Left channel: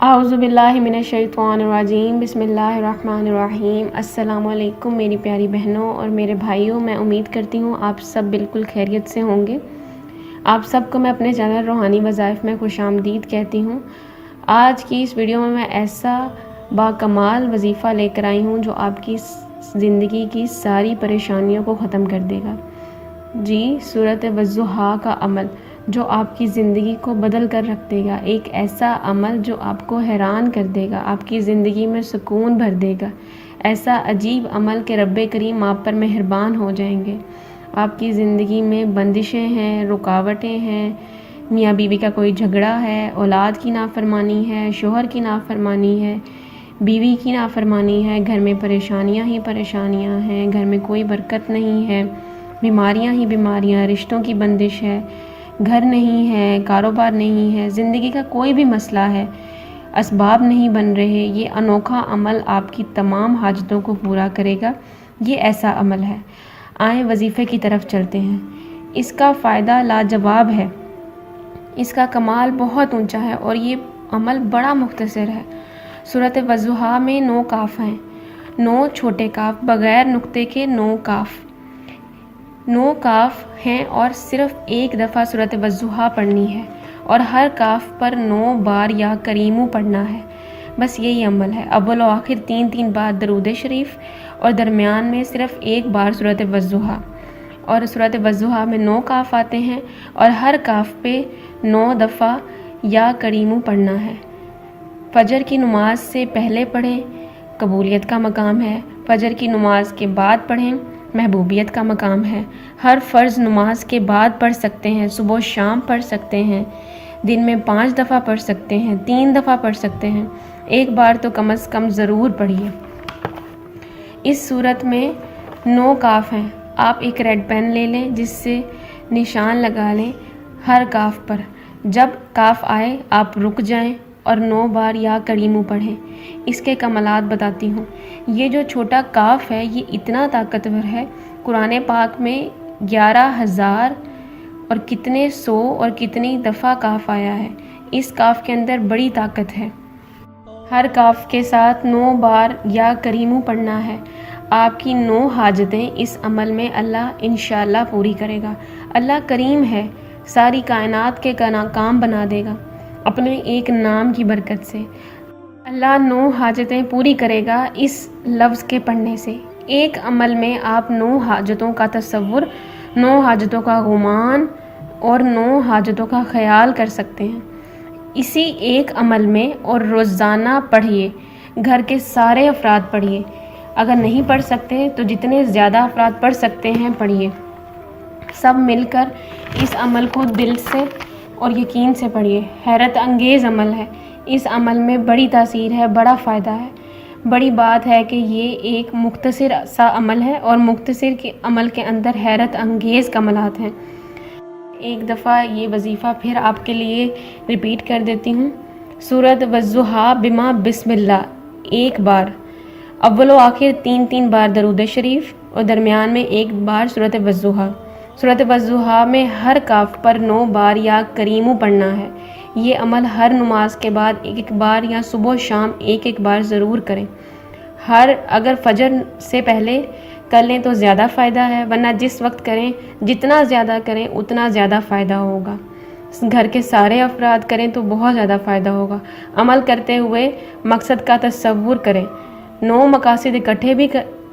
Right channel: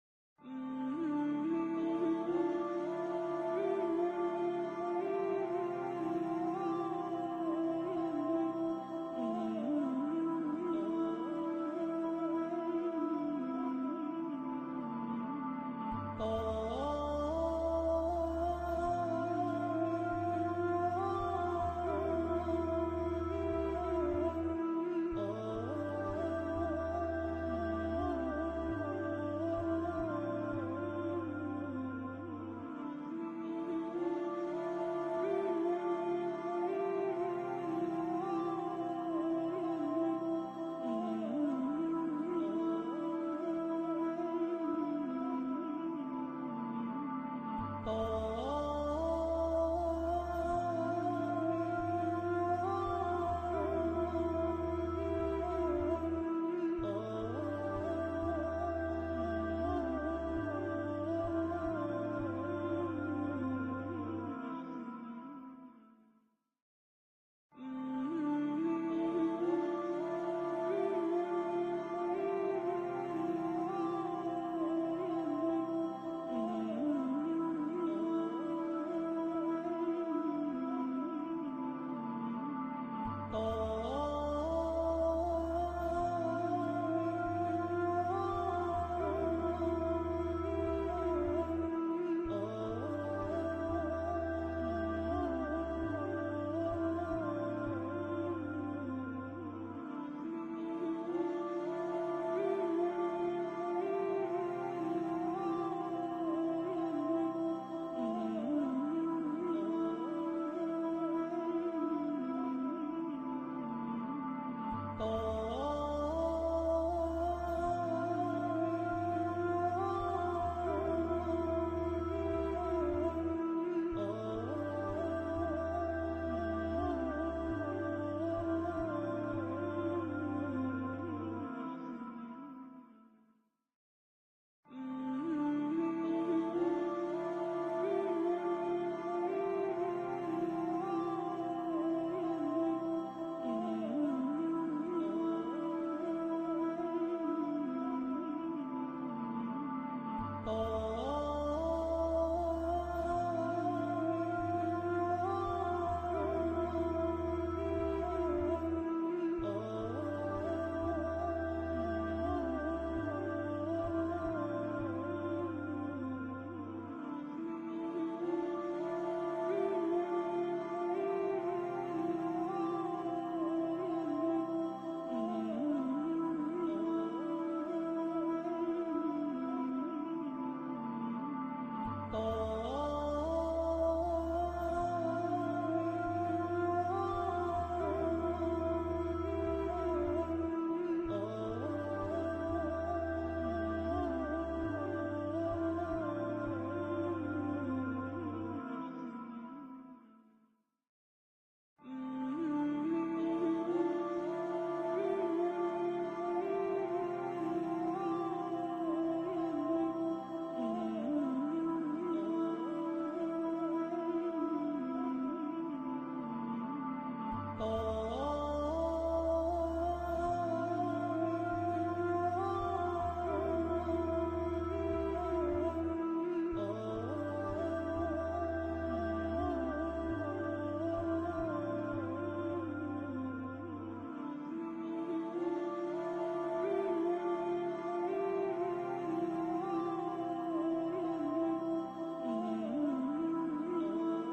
اعوذ باللہ من الشیطان الرجیم، بسم اللہ الرحمن الرحیم۔ السلام علیکم میری پیاری بہنوں اور میرے بھائیوں، میں امید کرتی ہوں آپ سب بالکل خیریت سے ہوں گے۔ آپ سب کو میں اپنے چینل روحانی وظائف میں خوش آمدید کہتی ہوں۔ آج کی اس ویڈیو میں ایسا باکمال وظیفہ لے کر آئی ہوں جو آپ کی زندگی کی ساری پریشانیوں کو ختم کر دے گا۔ جی، سورۃ والضحیٰ کا عمل جو آپ کی زندگی کو بدل کر رکھ دے گا، ایک ایسا عمل جو آپ کو حیران کر دے گا، آپ کی زندگی میں سکون بھر دے گا، ایسا عجیب عمل کہ رب کریم آپ پر مہربان ہو جائیں گے۔ آپ کی زندگی میں بندشیں ہیں، رکاوٹیں ہیں، میاں بیوی کا کوئی جھگڑا ہے، اولاد کی نافرمانی ہے، شوہر کی نافرمانی ہے، بیوی کی نافرمانی ہے، گھر میں پریشانیاں ہی پریشانیاں ہیں، گھر میں کوئی برکت نہیں ہے، بیماریاں ہی بیماریاں، رشتوں کی بندش ہے، گھر نہیں ہے، کاروبار نہیں ہے، زندگی کا کوئی بھی مسئلہ ہے، اسباب نہیں بن رہے، یہ انوکھا عمل آپ کی تمام حاجتوں کو پورا کرے گا۔ یہ ایسا عمل ہے۔ آئیں وظیفے کی طرف چلتے ہیں۔ اس کا فائدہ لاجواب ہے، اس کا کمال بہت اونچا ہے اور یہ عمل بڑا مختصر ہے۔ سورۃ والضحیٰ میں 9 کاف ہیں، 9 چھوٹے کاف، بغیر نقطے کے 9 کاف، 9 کاف ہیں اور صرف ایک دفعہ سورۃ والضحیٰ پڑھنی ہے اور ہر کاف پر 9 بار یا کریمو پڑھنا ہے۔ بس یہی عمل ہے۔ اول و آخر 3 بار درود شریف اور درمیان میں صرف ایک بار سورۃ والضحیٰ، اور سورۃ والضحیٰ میں 9 کاف آتے ہیں اور ہر کاف پہ 9 دفعہ یا کریمو پڑھنا ہے۔ فجر کی نماز سے پہلے پڑھیں، قبولیت کا مقام ہے۔ فجر کی نماز کے بعد پڑھیں، محبوبیت کا مقام ہے۔ ہر فرض نماز کے بعد پڑھ سکتے ہیں، صبح و شام پڑھ سکتے ہیں، دن میں 5 دفعہ پڑھ سکتے ہیں، 3 دفعہ پڑھ سکتے ہیں، ایک بار تو کم از کم ضرور پڑھیے۔ اس صورت میں 9 کاف ہیں۔ آپ ایک ریڈ پین لے لیں جس سے نشان لگا لیں ہر کاف پر۔ جب کاف آئے آپ رک جائیں اور 9 بار یا کریمو پڑھیں۔ اس کے کمالات بتاتی ہوں۔ یہ جو چھوٹا کاف ہے یہ اتنا طاقتور ہے، قرآن پاک میں 11,000 اور کتنے سو اور کتنی دفعہ کاف آیا ہے۔ اس کاف کے اندر بڑی طاقت ہے۔ ہر کاف کے ساتھ 9 بار یا کریمو پڑھنا ہے۔ آپ کی 9 حاجتیں اس عمل میں اللہ انشاءاللہ پوری کرے گا۔ اللہ کریم ہے، ساری کائنات کے کام بنا دے گا اپنے ایک نام کی برکت سے۔ اللہ 9 حاجتیں پوری کرے گا اس لفظ کے پڑھنے سے۔ ایک عمل میں آپ 9 حاجتوں کا تصور، 9 حاجتوں کا گمان اور 9 حاجتوں کا خیال کر سکتے ہیں اسی ایک عمل میں، اور روزانہ پڑھیے۔ گھر کے سارے افراد پڑھیے، اگر نہیں پڑھ سکتے تو جتنے زیادہ افراد پڑھ سکتے ہیں پڑھیے۔ سب مل کر اس عمل کو دل سے اور یقین سے پڑھیے۔ حیرت انگیز عمل ہے، اس عمل میں بڑی تاثیر ہے، بڑا فائدہ ہے۔ بڑی بات ہے کہ یہ ایک مختصر سا عمل ہے اور مختصر کے عمل کے اندر حیرت انگیز کمالات ہیں۔ ایک دفعہ یہ وظیفہ پھر آپ کے لیے ریپیٹ کر دیتی ہوں۔ سورۃ والضحیٰ بما بسم اللہ 1 بار، اول و آخر 3 بار درود شریف اور درمیان میں 1 بار سورۃ والضحیٰ۔ سورۃ والضحیٰ میں ہر کاف پر 9 بار یا کریمو پڑھنا ہے۔ یہ عمل ہر نماز کے بعد 1 بار یا صبح و شام 1 بار ضرور کریں۔ اگر فجر سے پہلے کر لیں تو زیادہ فائدہ ہے، ورنہ جس وقت کریں، جتنا زیادہ کریں اتنا زیادہ فائدہ ہوگا۔ گھر کے سارے افراد کریں تو بہت زیادہ فائدہ ہوگا۔ عمل کرتے ہوئے مقصد کا تصور کریں۔ 9 مقاصد اکٹھے بھی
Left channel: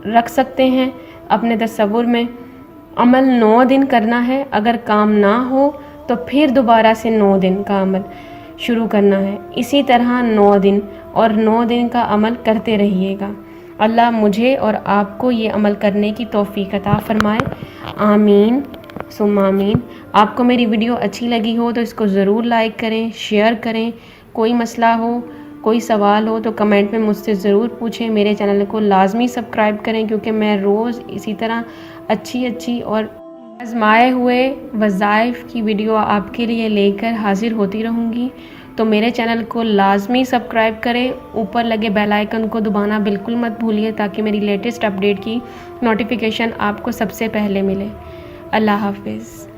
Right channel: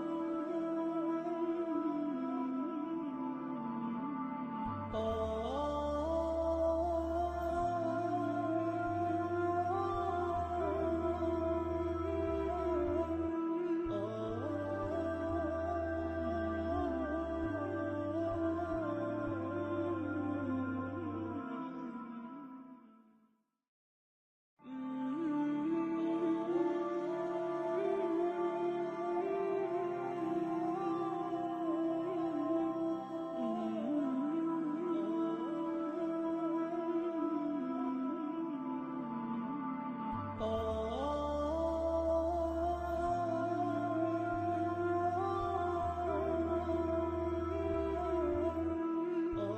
رکھ سکتے ہیں اپنے تصور میں۔ عمل 9 دن کرنا ہے، اگر کام نہ ہو تو پھر دوبارہ سے 9 دن کا عمل شروع کرنا ہے۔ اسی طرح 9 دن اور 9 دن کا عمل کرتے رہیے گا۔ اللہ مجھے اور آپ کو یہ عمل کرنے کی توفیق عطا فرمائے، آمین ثم آمین۔ آپ کو میری ویڈیو اچھی لگی ہو تو اس کو ضرور لائک کریں، شیئر کریں۔ کوئی مسئلہ ہو، کوئی سوال ہو تو کمنٹ میں مجھ سے ضرور پوچھیں۔ میرے چینل کو لازمی سبسکرائب کریں کیونکہ میں روز اسی طرح اچھی اور آزمائے ہوئے وظائف کی ویڈیو آپ کے لیے لے کر حاضر ہوتی رہوں گی۔ تو میرے چینل کو لازمی سبسکرائب کریں، اوپر لگے بیل آئیکن کو دبانا بالکل مت بھولیے تاکہ میری لیٹسٹ اپڈیٹ کی نوٹیفیکیشن آپ کو سب سے پہلے ملے۔ اللہ حافظ۔